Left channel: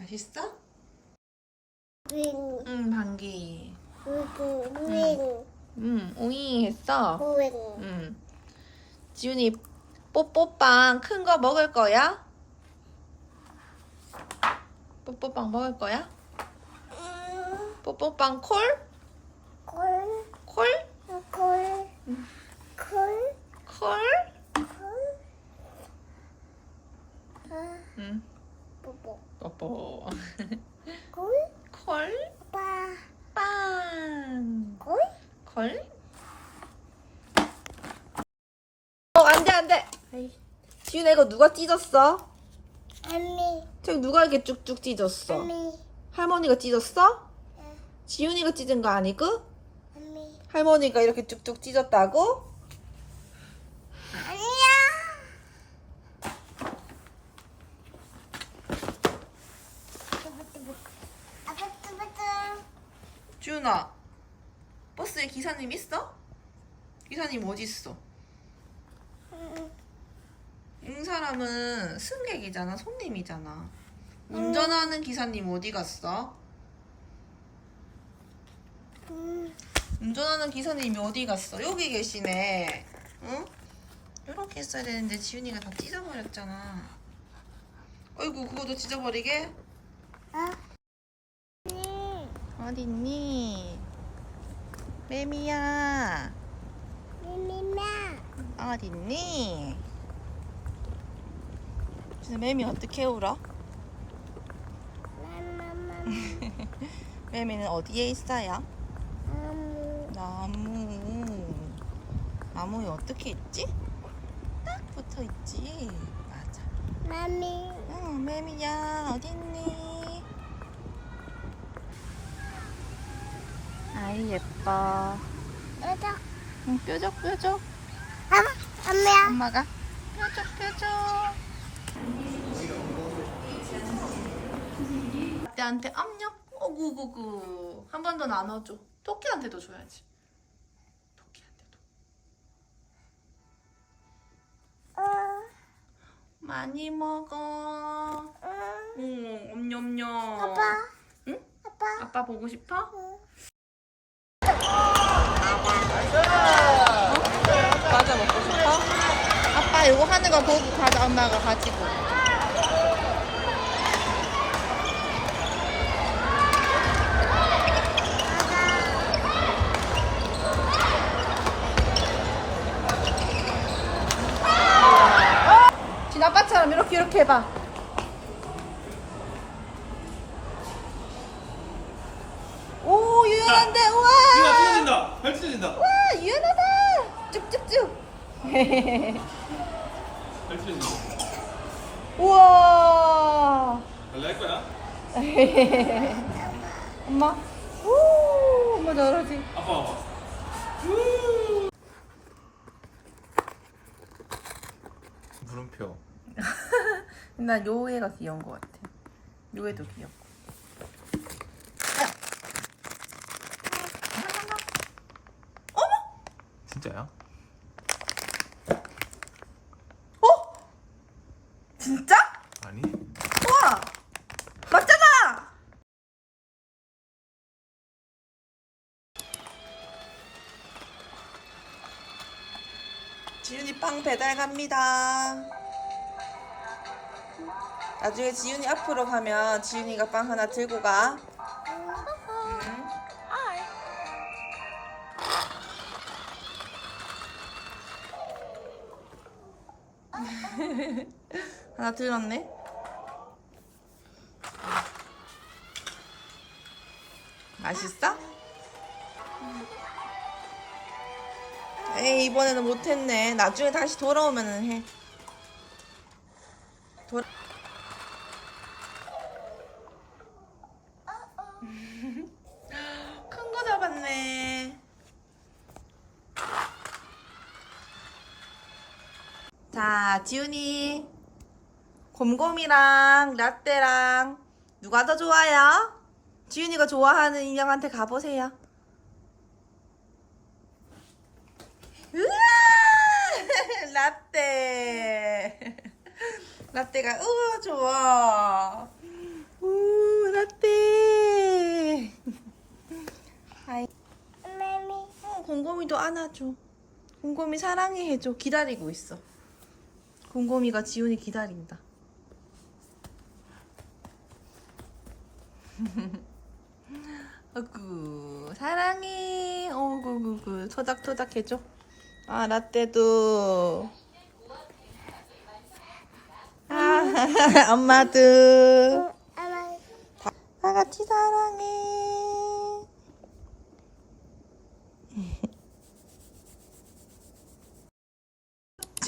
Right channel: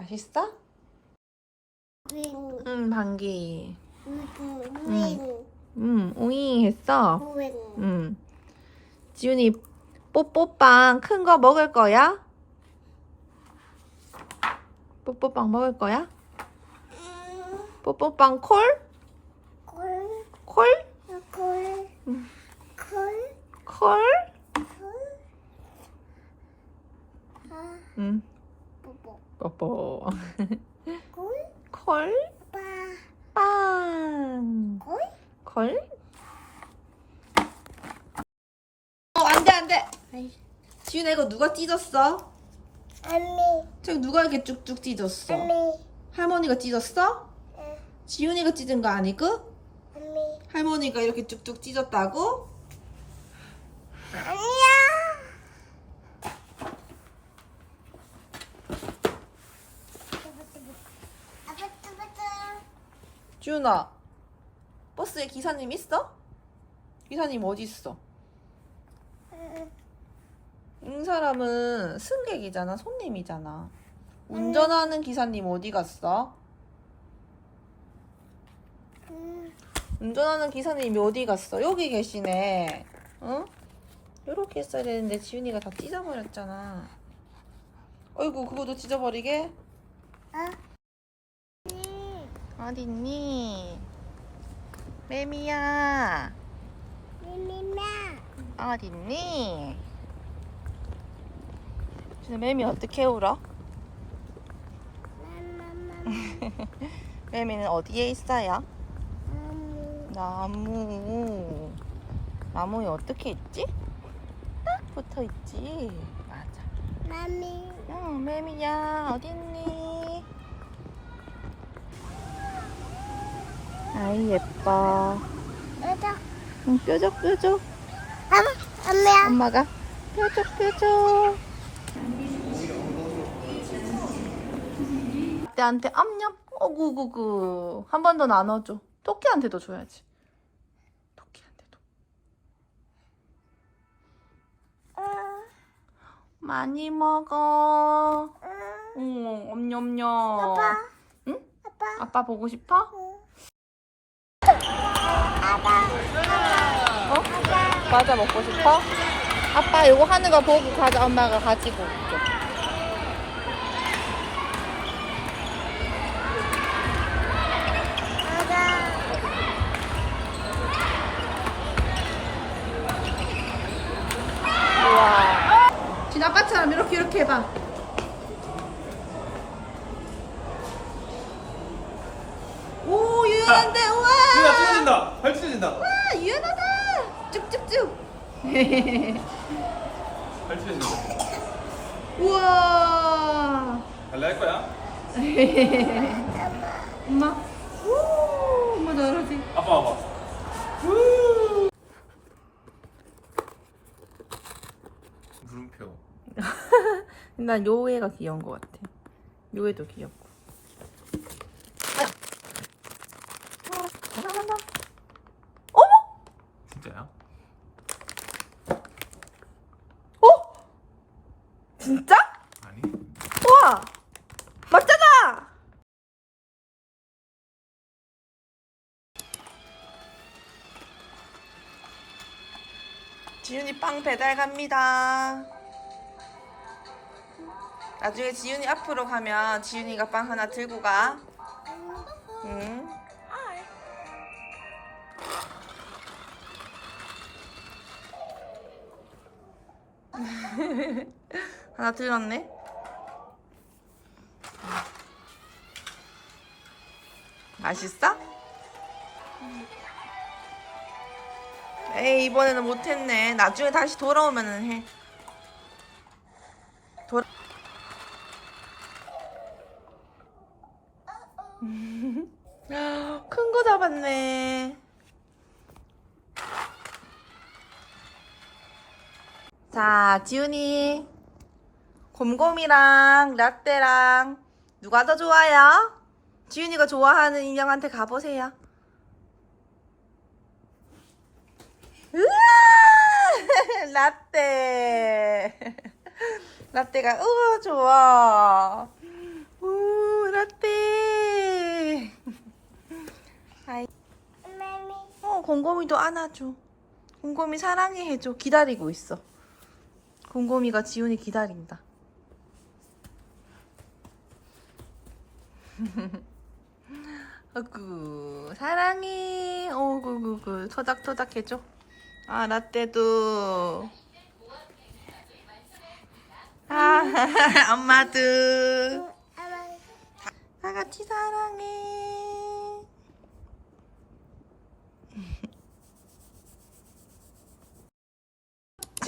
맛있어? 윙, 응, 방귀. 윙, 윙, 응, 웅이 했어. 윙. 응. 지훈이 뽀뽀빵 큰 거 먹을 거야? 뽀뽀빵 먹을 거야? 뽀뽀빵 콜? 콜, 콜? 콜, 응. 콜, 콜? 콜. 아, 응. 뽀뽀. 뽀뽀. 콜, 콜? 빠, 빵. 콜. 콜? 어, 안 돼, 안 돼. 아이, 지훈아, 이거 누가 찢었어? 언니, 저기 누가 이렇게 쭉쭉 찢었어? 언니, 할머니가 찢었어? 응, 지훈이가 찢은 거 아니고? 언니. 할머니가 이렇게 쭉쭉 찢었다고? 아니야. 아빠뚜부뚜. 지훈아, 버스에 기사님 있어? 기사님 어디 있어? 응, 이 사람은 승객이잖아, 손님이잖아. 운전하는 기사님 어디 갔어? 응. 운전하는 기사님이 어디 갔어? 여기 계시네. 응? 이렇게 했어야 되는데 지훈이가 다 찢어버렸잖아. 어이구, 그거도 찢어버리게? 어? 있니? 매미야. 어디 있니? 진짜 매미 어떻게 울어? 매미는 어디에 있어요? 음, 나무. 나무에 어떻게 있지? 딱 붙어 있지. 맞아. 마미. 응, 매미야, 어딨니? 아이, 예뻐. 응, 뾰족, 뾰족. 엄마, 엄마야. 엄마가 뾰족, 뾰족. 나한테 암냠? 어구구구. 한 번 더 나눠줘. 토끼한테도 줘야지. 토끼한테도. 응, 많이 먹어. 응. 응, 엄냠냠. 아빠. 응? 아빠. 아빠 보고 싶어? 응. 어? 과자 먹고 싶어? 아빠 이거 하는 거 보고 과자 엄마가 가지고 올게. 진 아빠처럼 이렇게 이렇게 해봐. 오 유연한데 찢어진다. 와 유연하다. 쭉쭉쭉. 발 찢어진다. 우와. 달래 할 거야? 엄마. 오 엄마 잘하지. 아빠 와봐. 물음표. 난 요애가 귀여운 것 같아. 요애도 귀엽고. 어머! 진짜야? 어? 진짜? 아니. 우와! 맞잖아! 지윤이 빵 배달 갑니다. 나중에 지윤이 앞으로 가면 지윤이가 빵 하나 들고 가. 하나 들었네. 맛있어? 에이 이번에는 못했네. 나중에 다시 돌아오면은 해. 돌. 큰 거 잡았네. 자, 지훈이 곰곰이랑 라떼랑 누가 더 좋아요? 지훈이가 좋아하는 인형한테 가보세요. 우와! 라떼. 라떼가 우와 좋아. 우 라떼. 아이, 매미. 어, 곰곰이도 안아줘. 곰곰이 사랑해 해줘. 기다리고 있어. 곰곰이가 지훈이 기다린다. 어구, 사랑해. 어구구구, 토닥토닥 해줘. 아, 라떼도. 아, 엄마도. 엄마. 다 같이 사랑해.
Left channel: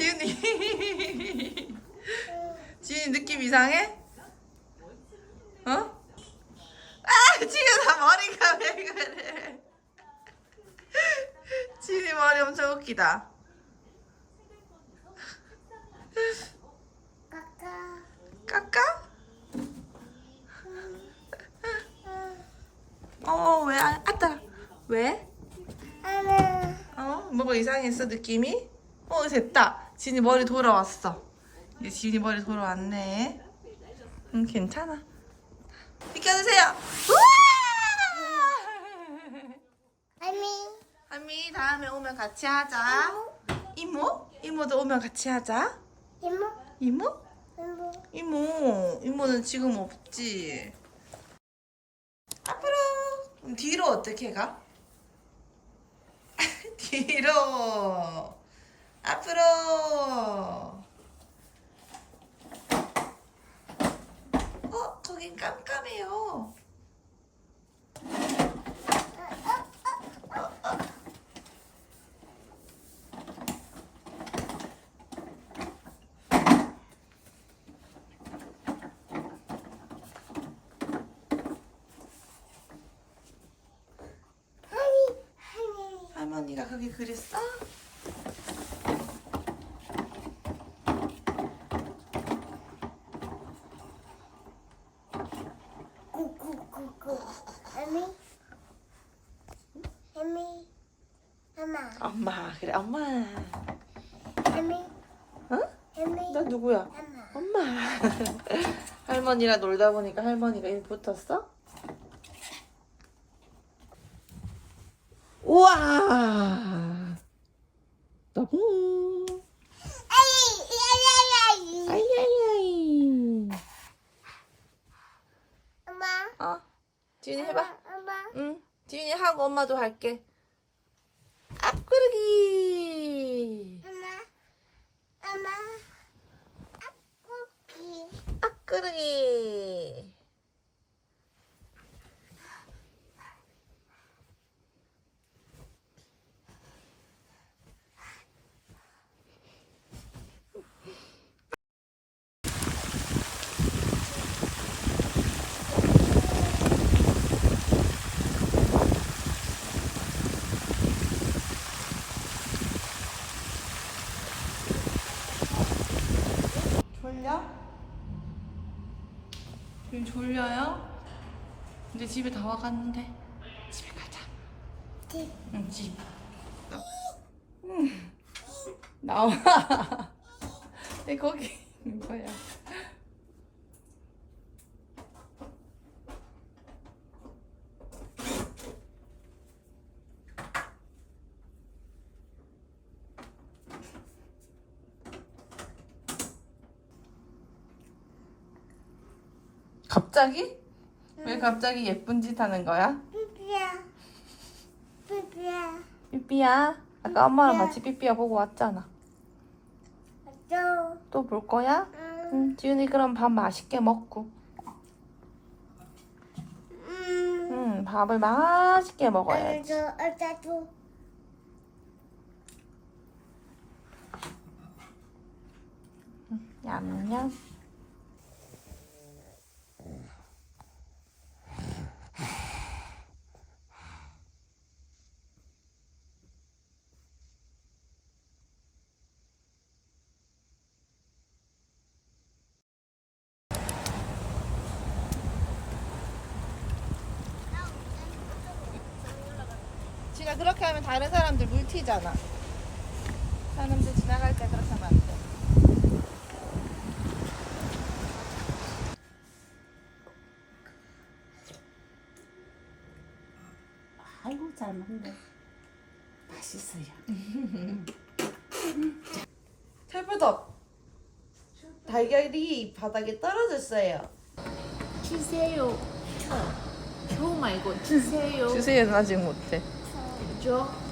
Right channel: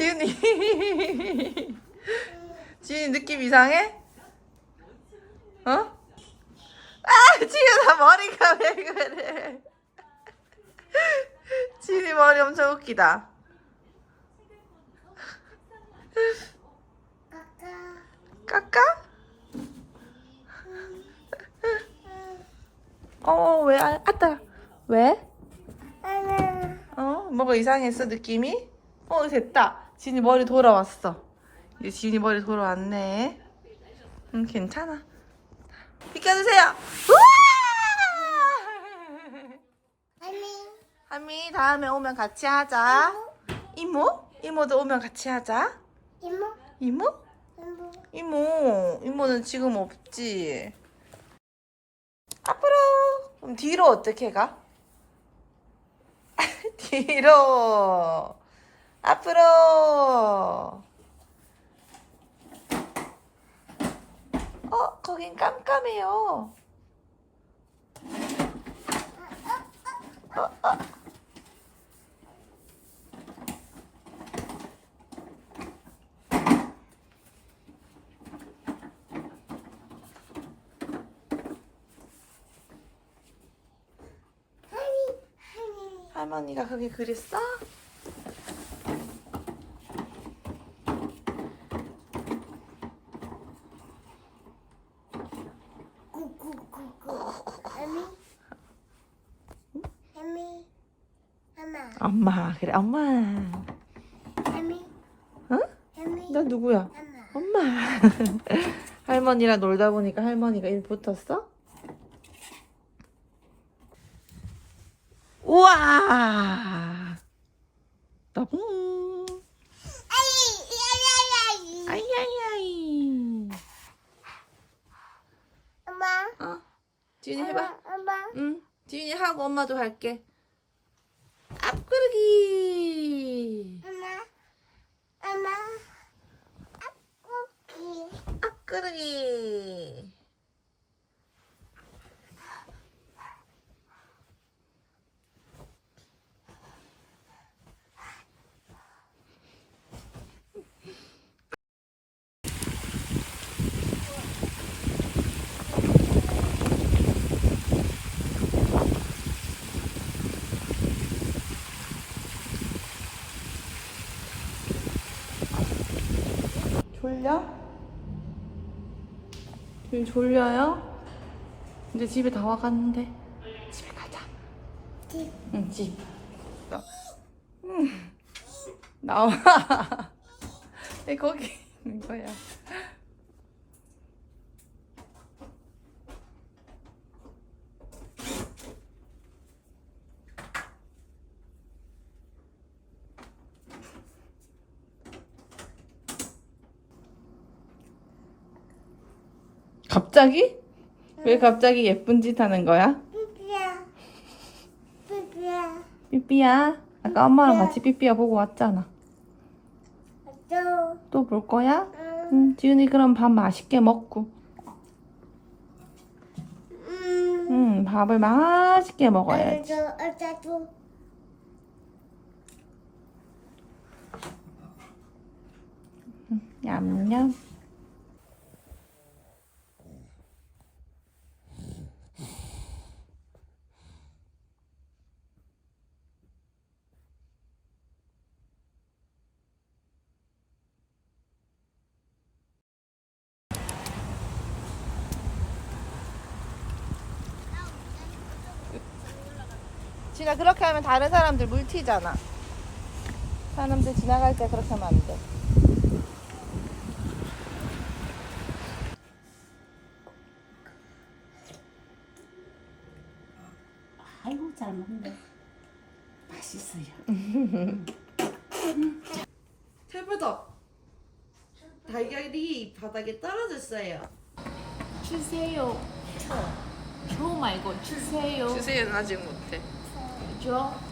지은이. 지은이 느낌 이상해? 어? 아, 지은아 머리가 왜 그래? 지은이 머리 엄청 웃기다. 까까. 깎아? 어, 왜? 아, 아따. 왜? 어? 뭐가 이상했어, 느낌이? 어, 됐다. 지은이 머리 돌아왔어. 이제 지은이 머리 돌아왔네. 응, 괜찮아. 비켜주세요. 우와! 매미. 하미, 다음에 오면 같이 하자. 이모? 이모도 오면 같이 하자. 이모. 이모? 이모. 이모, 이모는 지금 없지. 앞으로. 그럼 뒤로 어떻게 가? 뒤로. 앞으로. 어, 거긴 깜깜해요. 어, 어. 할머니가 거기 그랬어? 구구구구. 매미. 매미. 엄마. 엄마, 그래, 엄마. 매미. 응? 매미. 너 누구야? 엄마. 엄마. 할머니랑 놀다 보니까 할머니가 일 붙었어? 우와. 너무. 아이. 아이. 아이. 아이 아이아이. 엄마. 어, 지윤이 해봐. 하고 엄마도 할게. 앞구르기. 엄마. 엄마. 앞구기. 앞구르기. 졸려? 지금 졸려요? 이제 집에 다 와갔는데 집에 가자. 집. 응, 집. 응. 나와. 내 거기 이거야. 갑자기? 왜 갑자기 예쁜 짓 하는 거야? 삐삐야. 삐삐야. 삐삐야. 아까 엄마랑 같이 삐삐야 보고 왔잖아. 또. 또 볼 거야? 응. 응, 지훈이 그럼 밥 맛있게 먹고. 음. 응, 밥을 맛있게 먹어야지. 어쩌도 어쩌도. 냠 냠. 진아 그렇게 하면 다른 사람들 물 튀잖아. 사람들 지나갈 때 그렇게 하면 안 돼. 아이고 잘 먹네. 맛있어요. 찰부덕 달걀이 바닥에 떨어졌어요 주세요. 줘. 줘 말고 주세요. 주세요 가지 못해 줘.